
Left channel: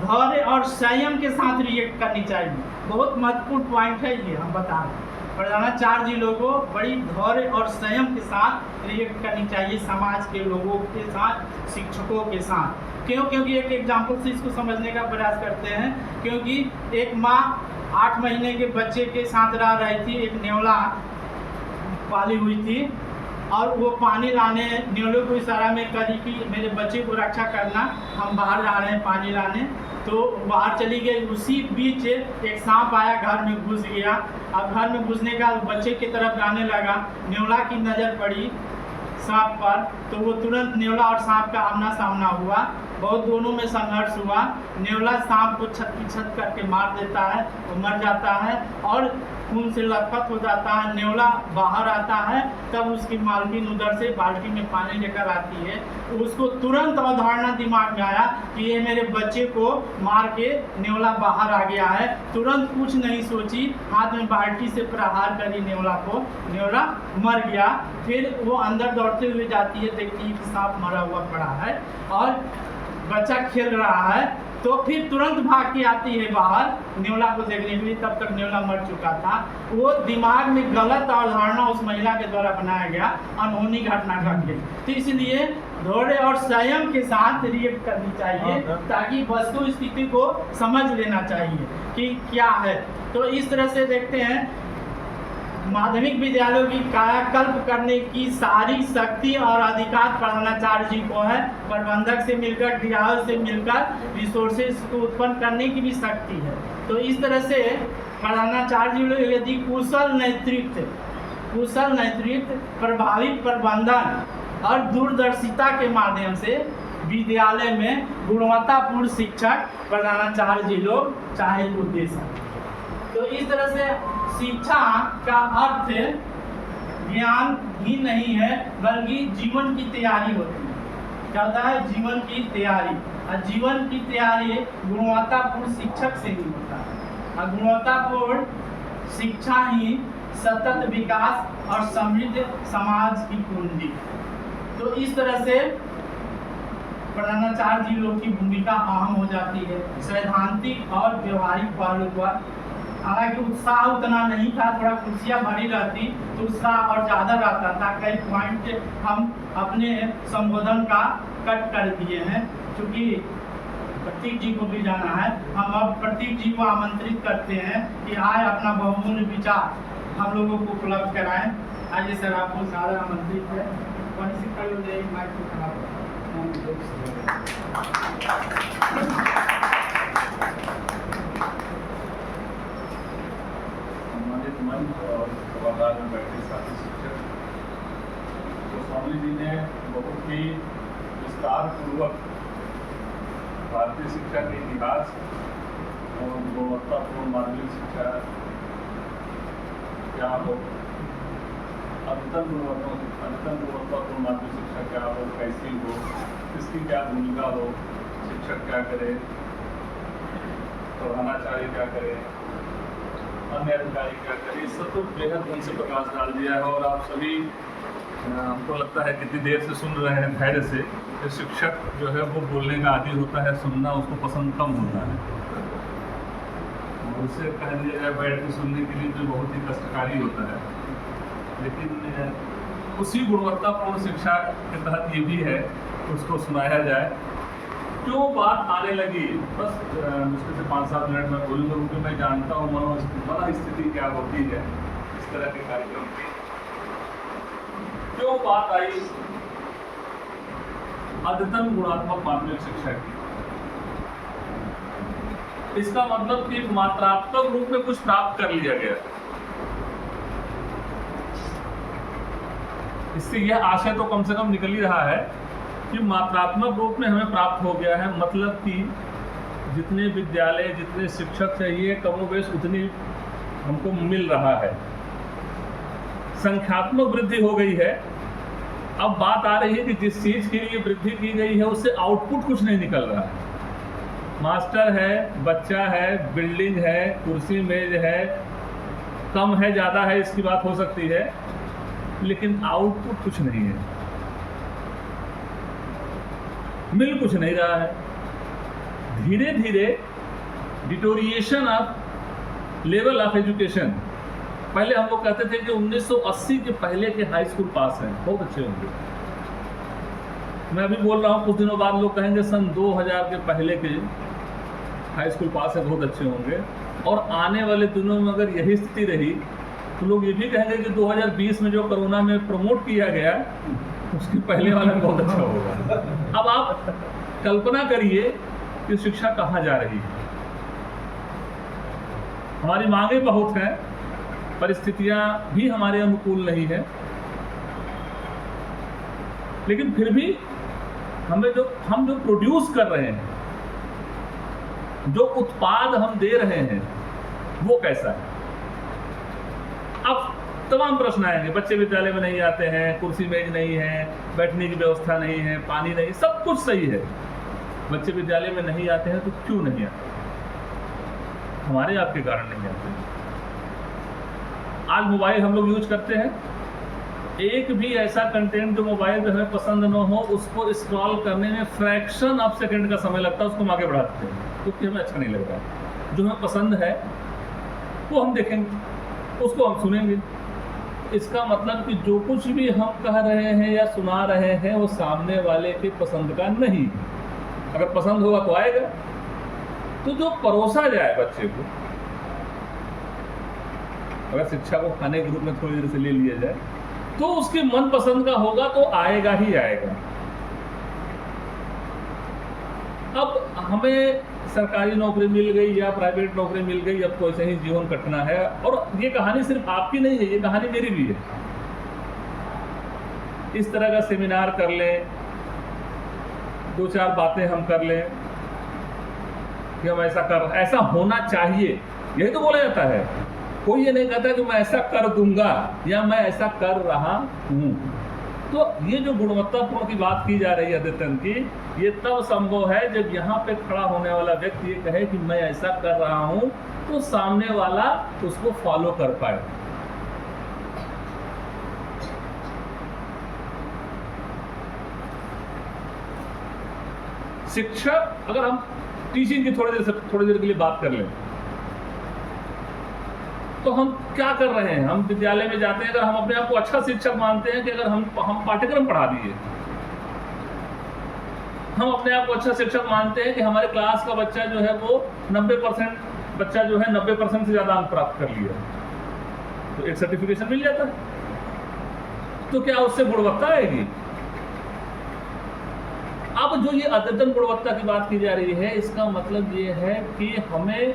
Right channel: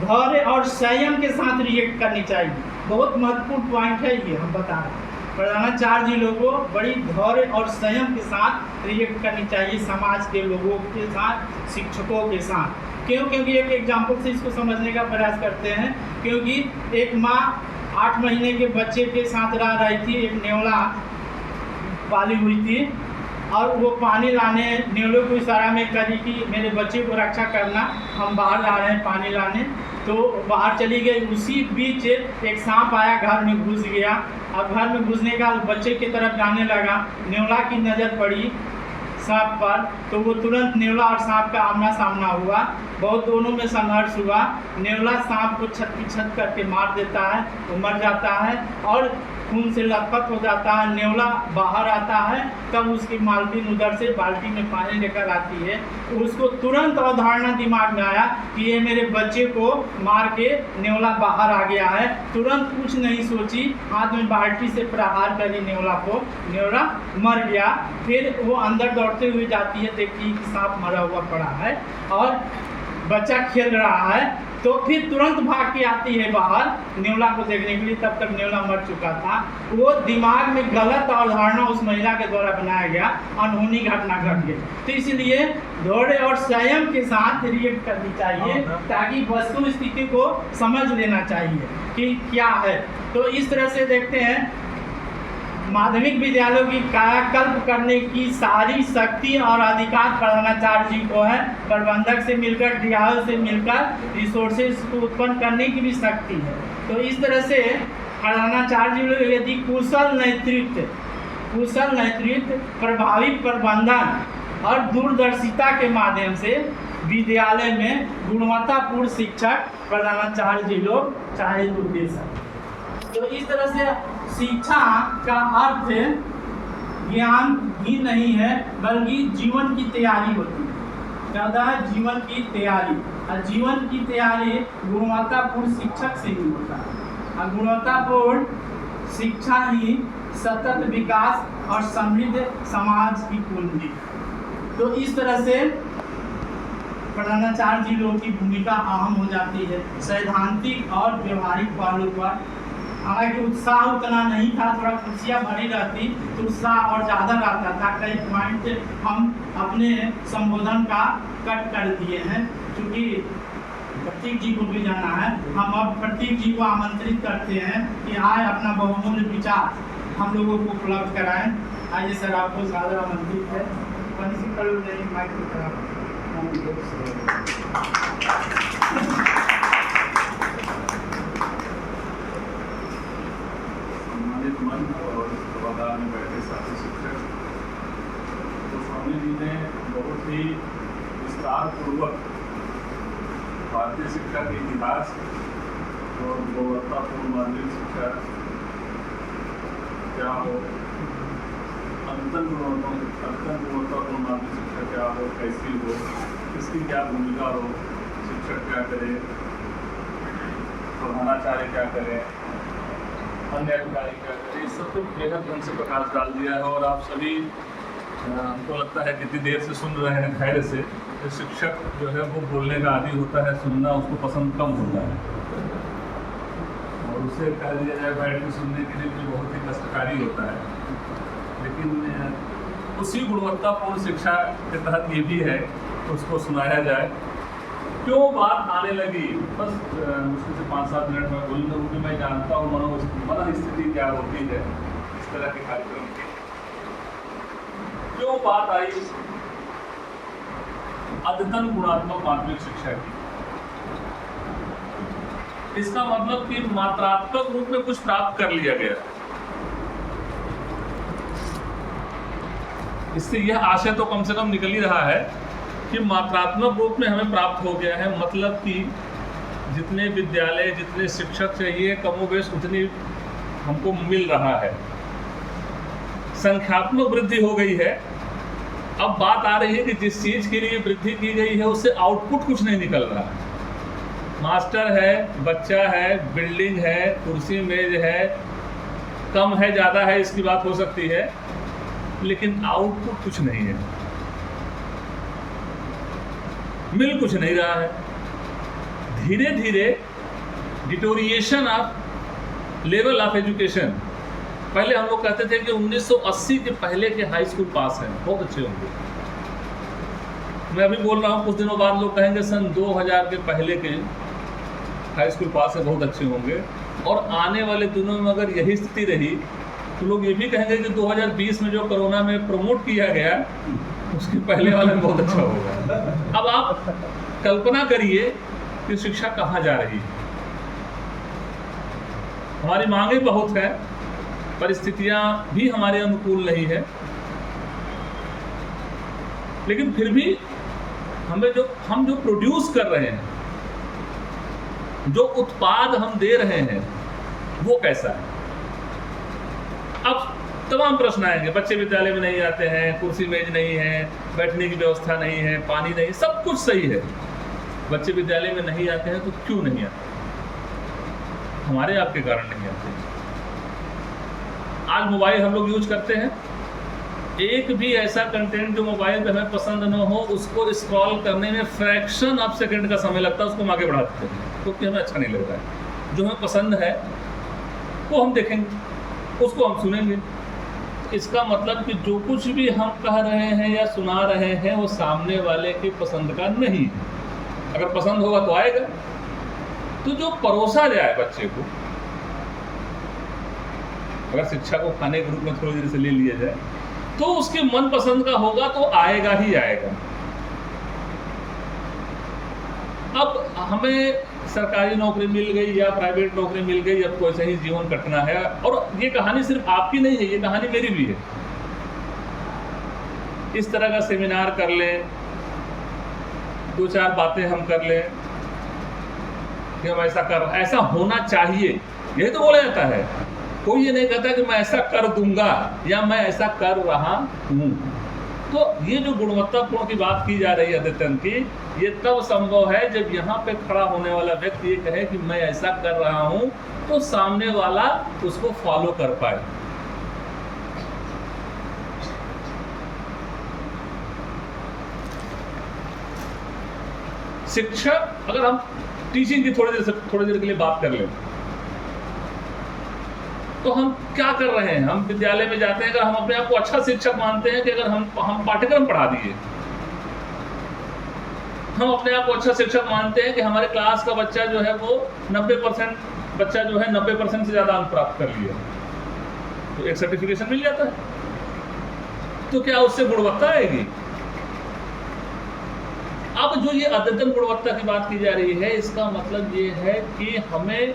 धैर्य और संयम के साथ रिएक्ट करनी चाहिए। बहुत महत्वपूर्ण पॉइंट है ये, हम बता रहे हैं प्रधानाचार्य जी लोगों को बड़ी धैर्य और संयम के साथ रिएक्ट करनी चाहिए, समाज के लोगों के साथ, शिक्षकों के साथ। क्यों? क्योंकि एक एग्जाम्पल से इसको समझने का प्रयास करते हैं। क्योंकि एक माँ 8 महीने के बच्चे के साथ रह रही थी, एक नेवला पाली हुई थी और वो पानी लाने नेवले को इशारा में करी कि मेरे बच्चे को रक्षा करना, हम बाहर जा रहे हैं पानी लाने। तो बाहर चली गई, उसी बीच एक सांप आया, घर में घुस गया। अब घर में घुसने का बच्चे की तरफ जाने लगा, नेवला की नज़र पड़ी सांप पर, तो वो तुरंत नेवला और सांप का आमना सामना हुआ, बहुत दोनों में संघर्ष हुआ। नेवला सांप को छत की छत करके मार देता है, वो मर जाता है और खून से लथपथ हो जाता है, नेवला बाहर आता है, तब उसकी मालकिन उधर से बाल्टी में पानी लेकर आती है। उसको तुरंत अवधारणा दिमाग में आया कि ये मेरे बच्चे को मार के नेवला बाहर आ गया है। तुरंत कुछ नहीं सोची, हाथ में बाल्टी से प्रहार करी नेवला को, नेवला मर गया। फिर वो अंदर दौड़ते हुए जाती है, देखती कि सांप मरा हुआ पड़ा है और बच्चा खेल रहा है। तो फिर तुरंत भाग के आती है बाहर नेवला को देखने के लिए, तब तक नेवला मर चुका था। वो दिमाग में गलत अवधारणा उस महिला के द्वारा बनाया गया, अनहोनी घटना घट गई। तो इसलिए धैर्य और संयम के साथ रिएक्ट करनी चाहिए, ताकि वस्तु स्थिति को समझ लेना चाहिए कि क्या है। तो इस तरह से देखते हैं माध्यमिक विद्यालयों की कायाकल्प करने की सारी शक्ति और अधिकार प्रधानाचार्य जी को है। प्रबंधक से मिलकर, डीआर से मिलकर रिसोर्सेज को उत्पन्न करने की भी शक्ति है। तो इस तरह से प्रधानाचार्य जी यदि कुशल नेतृत्व, प्रभावी प्रबंधन और दूरदर्शिता के माध्यम से विद्यालय में गुणवत्तापूर्ण शिक्षक प्रधानाचार्य जी लोग चाहे तो दे सकते। तो इस तरह से शिक्षा का अर्थ ज्ञान ही नहीं है, बल्कि जीवन की तैयारी होती है। क्या होता है? जीवन की तैयारी। और जीवन की तैयारी गुणवत्तापूर्ण शिक्षक से ही होता है। और गुणवत्तापूर्ण शिक्षा ही सतत विकास और समृद्ध समाज की कुंजी। तो इस तरह से प्रधानाचार्य जी लोग की भूमिका अहम हो जाती है सैद्धांतिक और व्यवहारिक पहलू पर। हालांकि उत्साह उतना नहीं था, थोड़ा कुर्सियाँ भरी रहती तो उत्साह और ज़्यादा रहता था। कई पॉइंट हम अपने संबोधन का कट कर दिए हैं, क्योंकि प्रतीक जी को भी जाना है। हम अब प्रतीक जी को आमंत्रित करते हैं कि आए अपना बहुमूल्य विचार हम लोगों को उपलब्ध कराएं। आइए सर, आपको सादर आमंत्रित है। माइक को खराब मन और सभागार में बैठे साथी शिक्षक, तो स्वामी जी ने बहुत ही विस्तार पूर्वक भारतीय शिक्षा के इतिहास और गुणवत्तापूर्ण माध्यमिक शिक्षा क्या हो, अंतन गुणवत्तापूर्ण माध्यमिक शिक्षा क्या हो, कैसी हो, इसकी क्या भूमिका हो, शिक्षक क्या करे, प्रधानाचार्य क्या करे, अन्य अधिकारी क्या करें, इस सब पे बेहद ढंग से प्रकाश डाल दिया है। और आप सभी हमको लगता है कितनी देर से सुन रहे हैं धैर्य से। तो शिक्षक जो है वो बोलने का आदी होता है, सुनना उसको पसंद कम होता है, और उसे कह दिया जाए बैठ के सुनने के लिए जो बहुत ही कष्टकारी होता है। लेकिन उसी गुणवत्तापूर्ण शिक्षा के तहत ये भी है उसको सुनाया जाए। क्यों बात आने लगी, बस मुश्किल से 5-7 मिनट में बोलूँगा, क्योंकि मैं जानता हूँ मन स्थिति क्या होती है इस तरह के कार्यक्रम की। क्यों बात आई अद्यतन गुणात्मक माध्यमिक शिक्षा की? इसका मतलब कि मात्रात्मक रूप में कुछ प्राप्त कर लिया गया। इससे यह आशय तो कम से कम निकल ही रहा है कि मात्रात्मक रूप में हमें प्राप्त हो गया है। मतलब कि जितने विद्यालय, जितने शिक्षक चाहिए, कमोबेश उतनी हमको मिल रहा है। संख्यात्मक वृद्धि हो गई है। अब बात आ रही है कि जिस चीज़ के लिए वृद्धि की गई है उससे आउटपुट कुछ नहीं निकल रहा है। मास्टर है, बच्चा है, बिल्डिंग है, कुर्सी मेज है, कम है ज़्यादा है इसकी बात हो सकती है, लेकिन आउटपुट कुछ नहीं है, मिल कुछ नहीं रहा है। धीरे धीरे deterioration of level of education. पहले हम लोग कहते थे कि 1980 के पहले के हाई स्कूल पास हैं बहुत अच्छे होंगे। मैं अभी बोल रहा हूँ, कुछ दिनों बाद लोग कहेंगे सन 2000 के पहले के हाई स्कूल पास है बहुत अच्छे होंगे। और आने वाले दिनों में अगर यही स्थिति रही तो लोग ये भी कहेंगे कि 2020 में जो कोरोना में प्रमोट किया गया उसके पहले वाला में बहुत अच्छा होगा। अब आप कल्पना करिए कि शिक्षा कहाँ जा रही है। हमारी मांगे बहुत हैं, परिस्थितियां भी हमारे अनुकूल नहीं है, लेकिन फिर भी हम जो प्रोड्यूस कर रहे हैं, जो उत्पाद हम दे रहे हैं, वो कैसा है? तमाम प्रश्न आएंगे। बच्चे विद्यालय में नहीं आते हैं, कुर्सी मेज नहीं है, बैठने की व्यवस्था नहीं है, पानी नहीं, सब कुछ सही है। बच्चे विद्यालय में नहीं आते हैं तो क्यों नहीं आते? हमारे आपके कारण नहीं आते। आज मोबाइल हम लोग यूज करते हैं, एक भी ऐसा कंटेंट जो मोबाइल पे हमें पसंद न हो उसको स्क्रॉल करने में फ्रैक्शन ऑफ सेकंड का समय लगता है, उसको हम आगे बढ़ा देते हैं क्योंकि हमें अच्छा नहीं लग रहा है। जो हमें पसंद है वो हम देखेंगे, उसको हम सुनेंगे। इसका मतलब कि जो कुछ भी हम कह रहे हैं या सुना रहे हैं वो सामने वाले के पसंद का नहीं है। अगर पसंद होगा तो आएगा। तो जो परोसा जाए बच्चे को, अगर शिक्षा को खाने के रूप में थोड़ी देर से ले लिया जाए तो उसके मन पसंद का होगा तो आएगा ही आएगा। अब हमें सरकारी नौकरी मिल गई या प्राइवेट नौकरी मिल गई, अब तो ऐसे ही जीवन कटना है। और ये कहानी सिर्फ आपकी नहीं है, ये कहानी मेरी भी है। इस तरह का सेमिनार कर लें, 2-4 बातें हम कर लें कि हम ऐसा होना चाहिए, यही तो बोला जाता है। कोई ये नहीं कहता कि मैं ऐसा कर दूंगा या मैं ऐसा कर रहा हूं। तो ये जो गुणवत्तापूर्ण की बात की जा रही है अद्यतन की, ये तब संभव है जब यहाँ पे खड़ा होने वाला व्यक्ति ये कहे कि मैं ऐसा कर रहा हूं, तो सामने वाला उसको फॉलो कर पाए। शिक्षा, अगर हम टीचिंग की थोड़ी देर के लिए बात कर लें तो हम क्या कर रहे हैं? हम विद्यालय में जाते हैं, अगर हम अपने आप को अच्छा शिक्षक मानते हैं कि अगर हम पाठ्यक्रम पढ़ा दिए, हम अपने आप को अच्छा शिक्षक मानते हैं कि हमारे क्लास का बच्चा जो है वो 90% बच्चा जो है 90% से ज़्यादा अंक प्राप्त कर लिया, तो एक सर्टिफिकेशन मिल जाता है। तो क्या उससे गुणवत्ता आएगी? अब जो ये अद्यतन गुणवत्ता की बात की जा रही है, इसका मतलब ये है कि हमें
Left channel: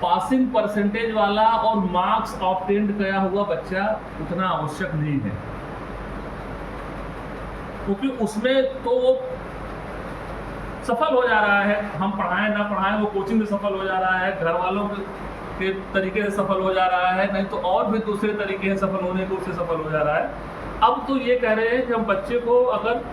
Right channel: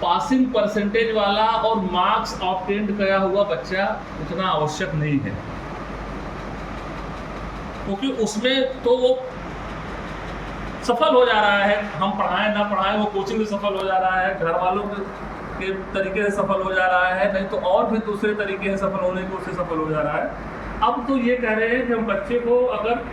पासिंग परसेंटेज वाला और मार्क्स ऑब्टेन्ड किया हुआ बच्चा उतना आवश्यक नहीं है, क्योंकि उसमें तो वो सफल हो जा रहा है। हम पढ़ाएं ना पढ़ाएं, वो कोचिंग से सफल हो जा रहा है, घर वालों के तरीके से सफल हो जा रहा है, नहीं तो और भी दूसरे तरीके से सफल होने को उससे सफल हो जा रहा है। अब तो ये कह रहे हैं कि हम बच्चे को अगर